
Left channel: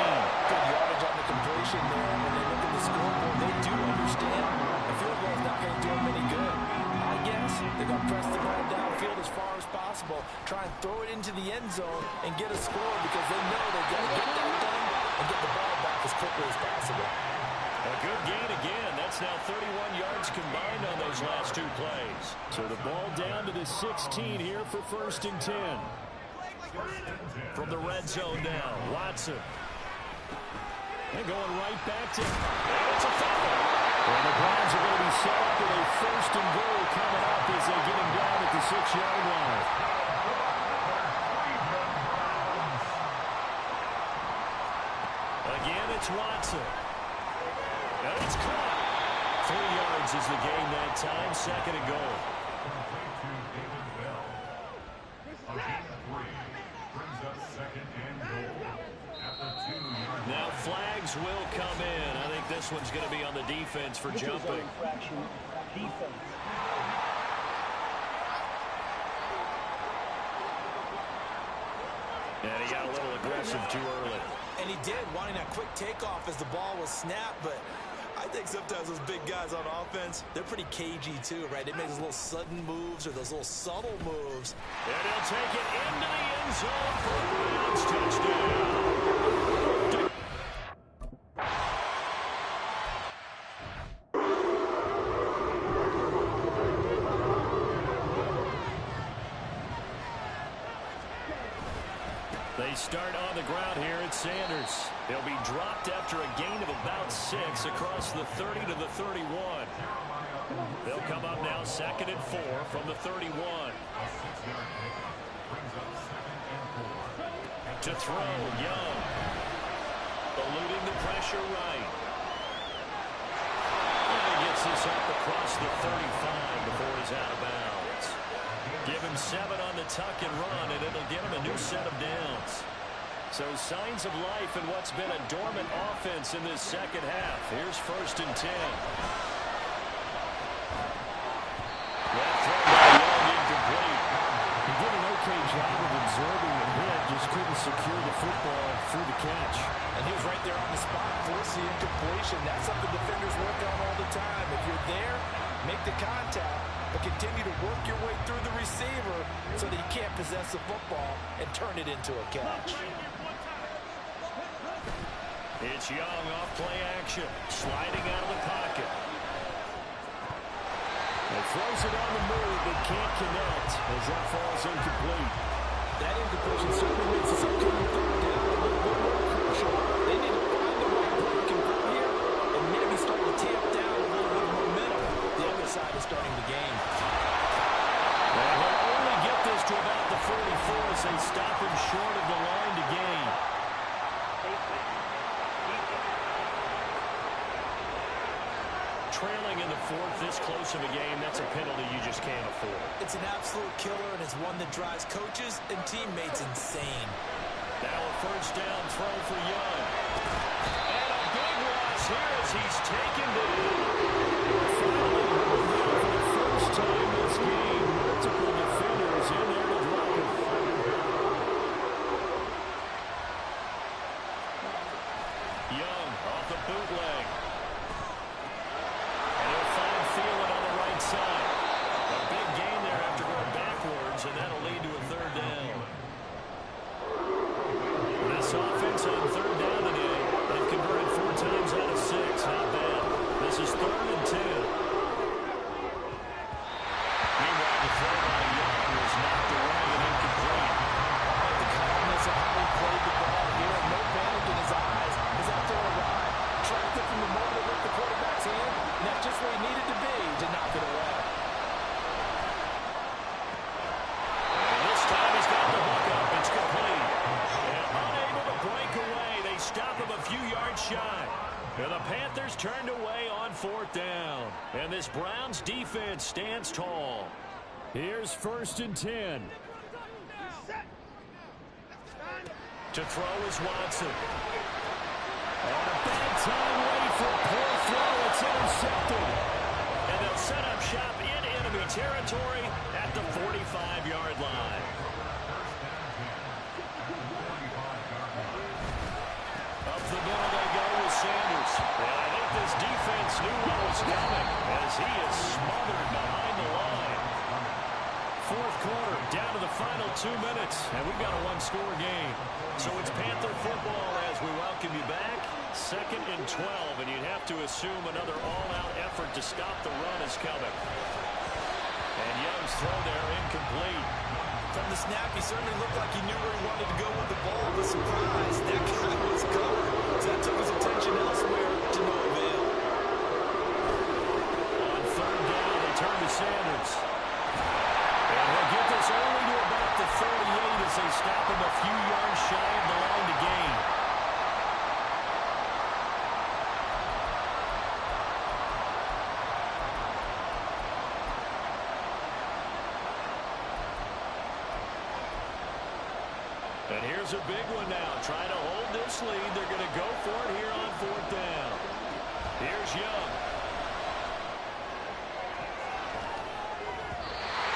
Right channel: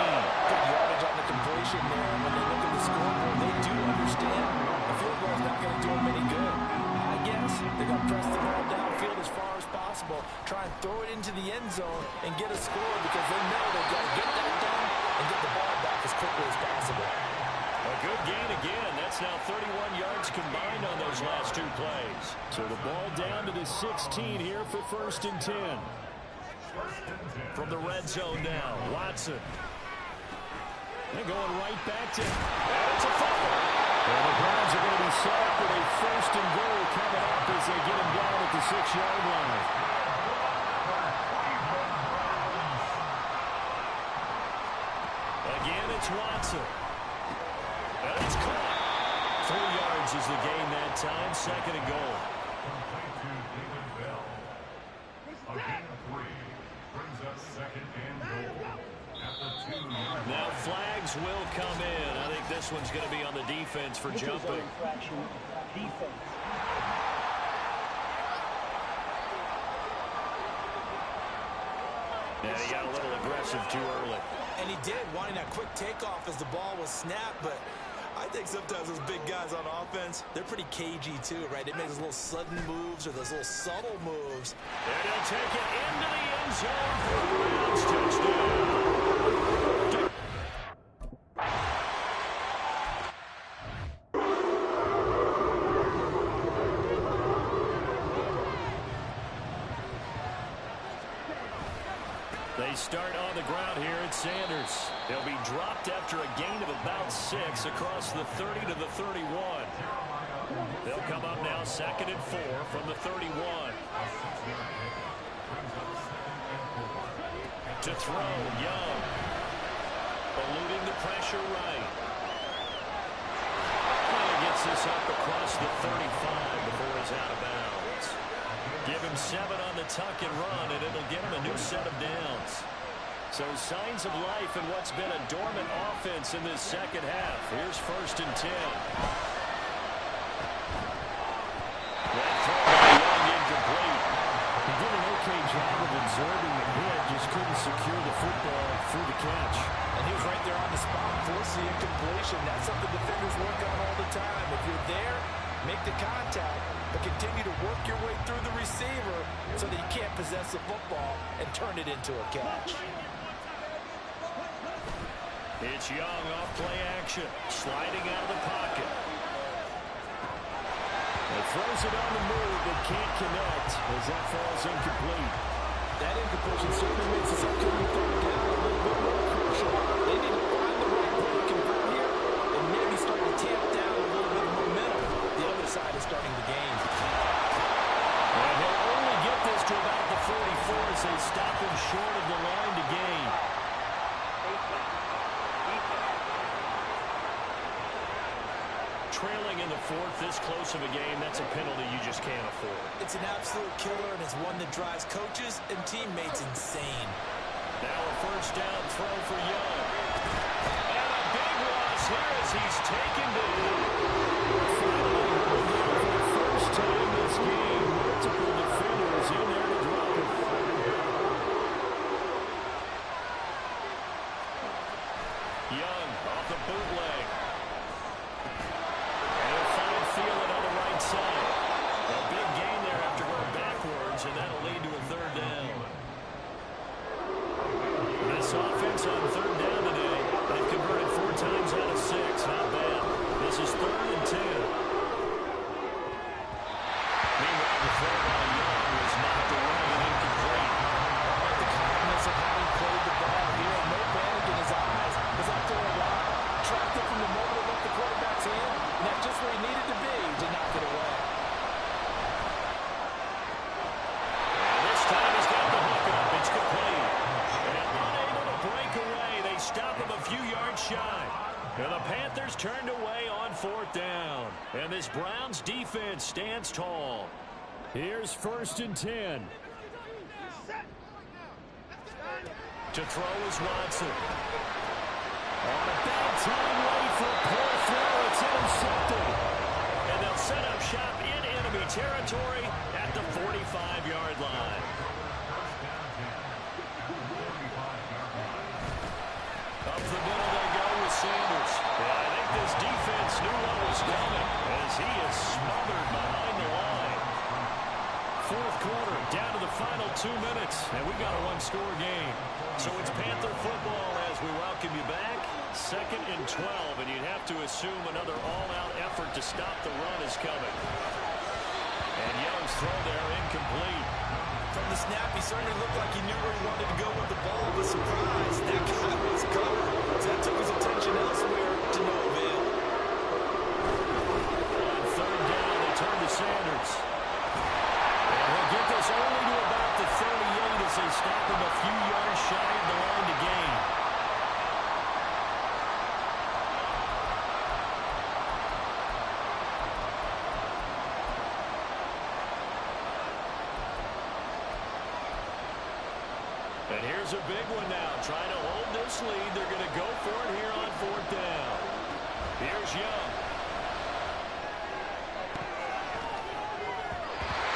Good yardage on the completion there. When they look at the scoreboard, they do understand a field goal is not going to do them any good. I guess they're going to press the ball downfield as far as possible, try and throw it into the end zone and get a score because they know they've got to get that done and get the ball back as quickly as possible. A good gain again. That's now 31 yards combined on those last 2 plays. So the ball down to the 16 here for 1st and 10. From the red zone now, Watson. And going right back to... And it's a fumble. And the Browns are going to be set up with a 1st and goal coming up as they get him down at the 6-yard line. Again, it's Watson. And it's caught. 3 yards is the gain that time. 2nd and goal. Now flags will come in. I think this one's going to be on the defense for jumping. And he got a little aggressive too early. And he did, wanting that quick takeoff as the ball was snapped, but I think sometimes those big guys on offense, they're pretty cagey too, right? They make those little sudden moves or those little subtle moves. And he'll take it into the end zone for a Browns touchdown. They start on the ground here at Sanders. They'll be dropped after a gain of about 6 across the 30 to the 31. They'll come up now 2nd and 4 from the 31. To throw, Young. Eluding the pressure right. And he gets this up across the 35 before he's out of bounds. Give him 7 on the tuck and run, and it'll get him a new set of downs. So signs of life in what's been a dormant offense in this second half. Here's 1st and 10. That throw by Young incomplete. He did an okay job of absorbing the hit, just couldn't secure the football through the catch. And he was right there on the spot, force the incompletion. That's something defenders work on all the time. If you're there, make the contact, but continue to work your way through the receiver so that you can't possess the football and turn it into a catch. It's Young off play action, sliding out of the pocket. He throws it on the move, but can't connect as that falls incomplete. That incompletion certainly makes this upcoming third down a little bit more crucial. They need to find the right play to convert here and maybe start to tamp down a little bit of momentum. The other side is starting the game. And he'll only get this to about the 44 as they stop him short of the line to gain. Trailing in the 4th, this close of a game, that's a penalty you just can't afford. It's an absolute killer, and it's one that drives coaches and teammates insane. Now a 1st down throw for Young. And a big loss here as he's taken down. Finally, for the first time this game, multiple defenders in there to drop him. Young off the bootleg. And he'll find Thielen on the right side. A big gain there after going backwards, and that'll lead to a 3rd down. This offense on 3rd down today, they've converted 4 times out of 6. Not bad. This is 3rd and 10. Meanwhile, the throw by Young stop him a few yards shy. And the Panthers turned away on 4th down. And this Browns defense stands tall. Here's 1st and 10. To throw is Watson. On a bad time late for a poor throw. It's intercepted. And they'll set up shop in enemy territory at the 45-yard line. Up the middle they go with Sanders. And I think this defense knew what was coming as he is smothered behind the line. 4th quarter, down to the final 2 minutes, and we've got a one-score game. So it's Panther football as we welcome you back. 2nd and 12, and you'd have to assume another all-out effort to stop the run is coming. And Young's throw there incomplete. From the snap, he certainly looked like he knew where he wanted to go with the ball, but surprise, that guy was covered. So that took his attention elsewhere to no avail. On 3rd down, they turn to Sanders. And he'll get this only to about the 38 as they stop him a few yards shy of the line to gain. And here's a big one now. Trying to hold this lead. They're going to go for it here on 4th down. Here's Young.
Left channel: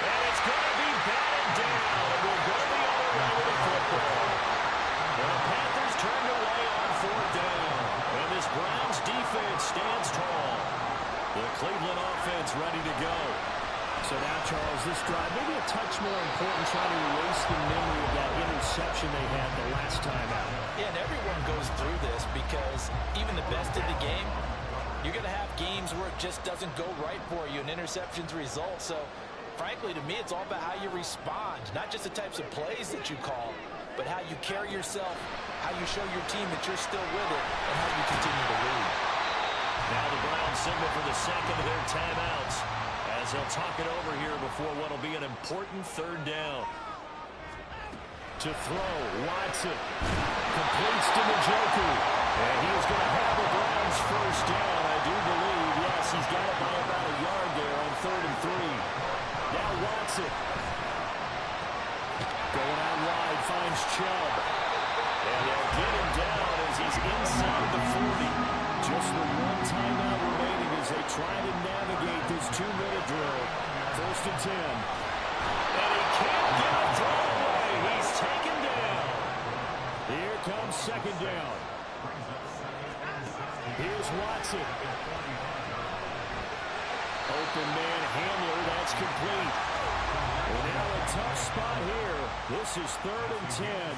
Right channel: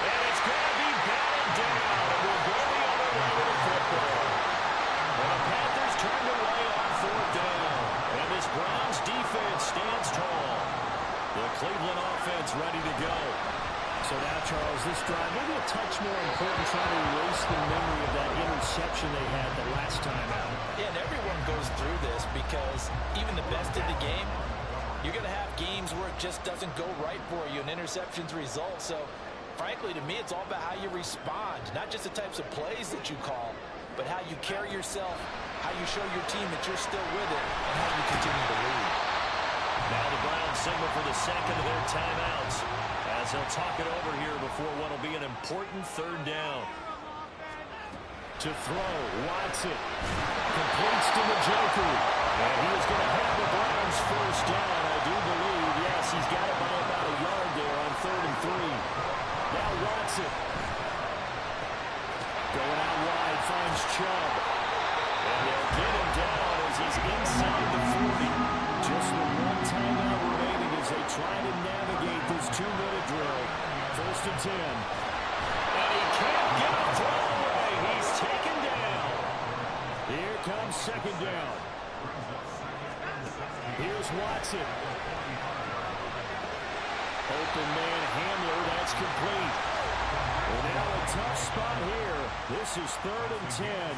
And it's going to be batted down. And we'll go the other way with the football. And the Panthers turned away on 4th down. And this Browns defense stands tall. The Cleveland offense ready to go. So now, Charles, this drive maybe a touch more important, trying to erase the memory of that interception they had the last time out. Yeah, and everyone goes through this because even the best in the game, you're going to have games where it just doesn't go right for you, and interceptions result. So, frankly, to me, it's all about how you respond, not just the types of plays that you call, but how you carry yourself, how you show your team that you're still with it, and how you continue to lead. Now the Browns signal for the second of their timeouts as they'll talk it over here before what will be an important 3rd down. To throw, Watson completes to Njoku. And he is going to have the Browns 1st down, I do believe. Yes, he's got it by about a yard there on 3rd and 3. Now Watson. Going out wide, finds Chubb. And they'll get him down as he's inside the 40. Just the one timeout remaining as they try to navigate this 2-minute drill. 1st and 10. And he can't get a throw away. He's taken down. Here comes 2nd down. Here's Watson. Open man Hamler, that's complete. And now a tough spot here. This is 3rd and 10.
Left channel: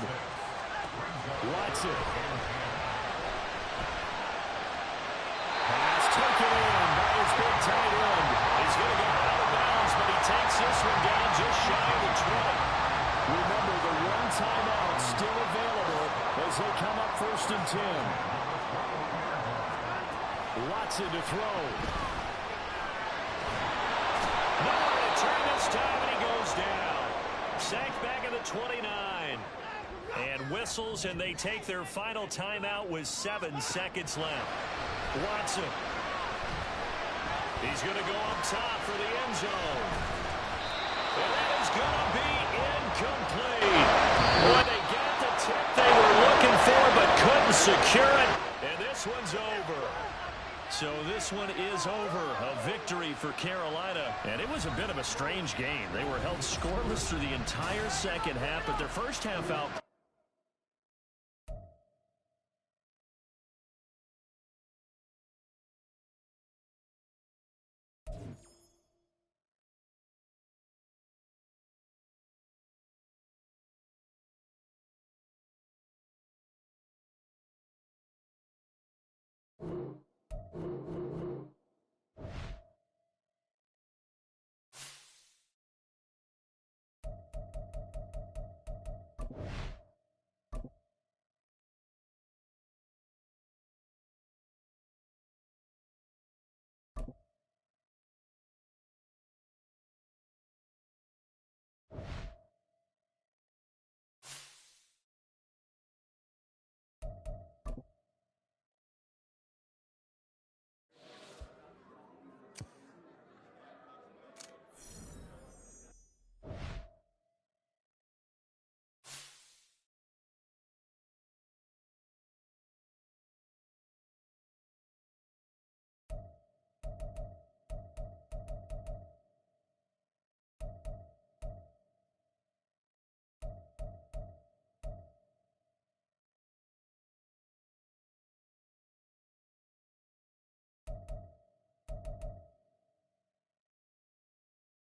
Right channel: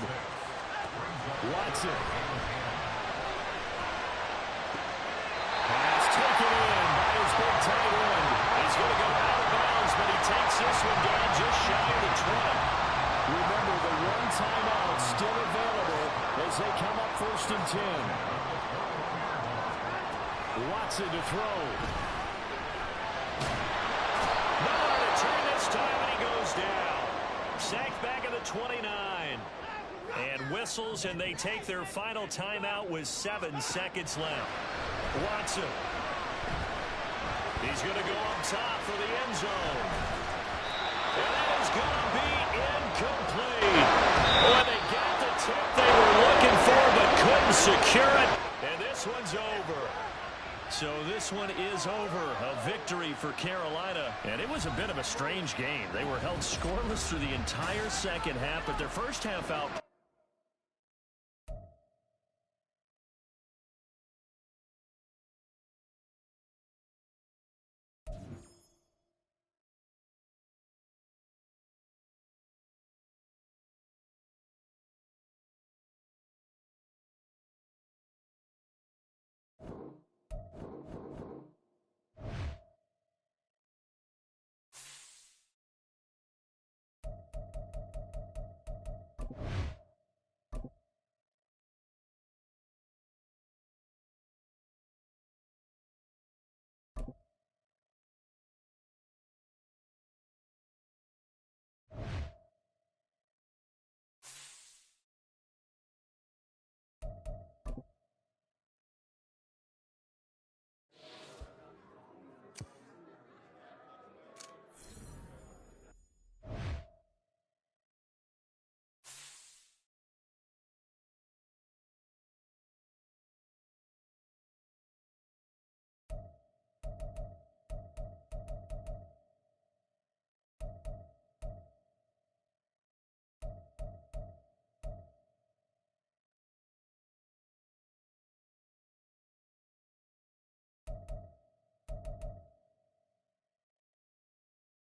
Watson. Pass taken in by his big tight end. He's going to go out of bounds, but he takes this one down just shy of the 20. Remember, the one timeout still available as they come up 1st and 10. Watson to throw. Nowhere to turn this time, and he goes down. Sacked back at the 29. And whistles, and they take their final timeout with 7 seconds left. Watson. He's going to go up top for the end zone. And that is going to be incomplete. Boy, they got the tip they were looking for but couldn't secure it. And this one's over. So this one is over. A victory for Carolina. And it was a bit of a strange game. They were held scoreless through the entire second half, but their first half out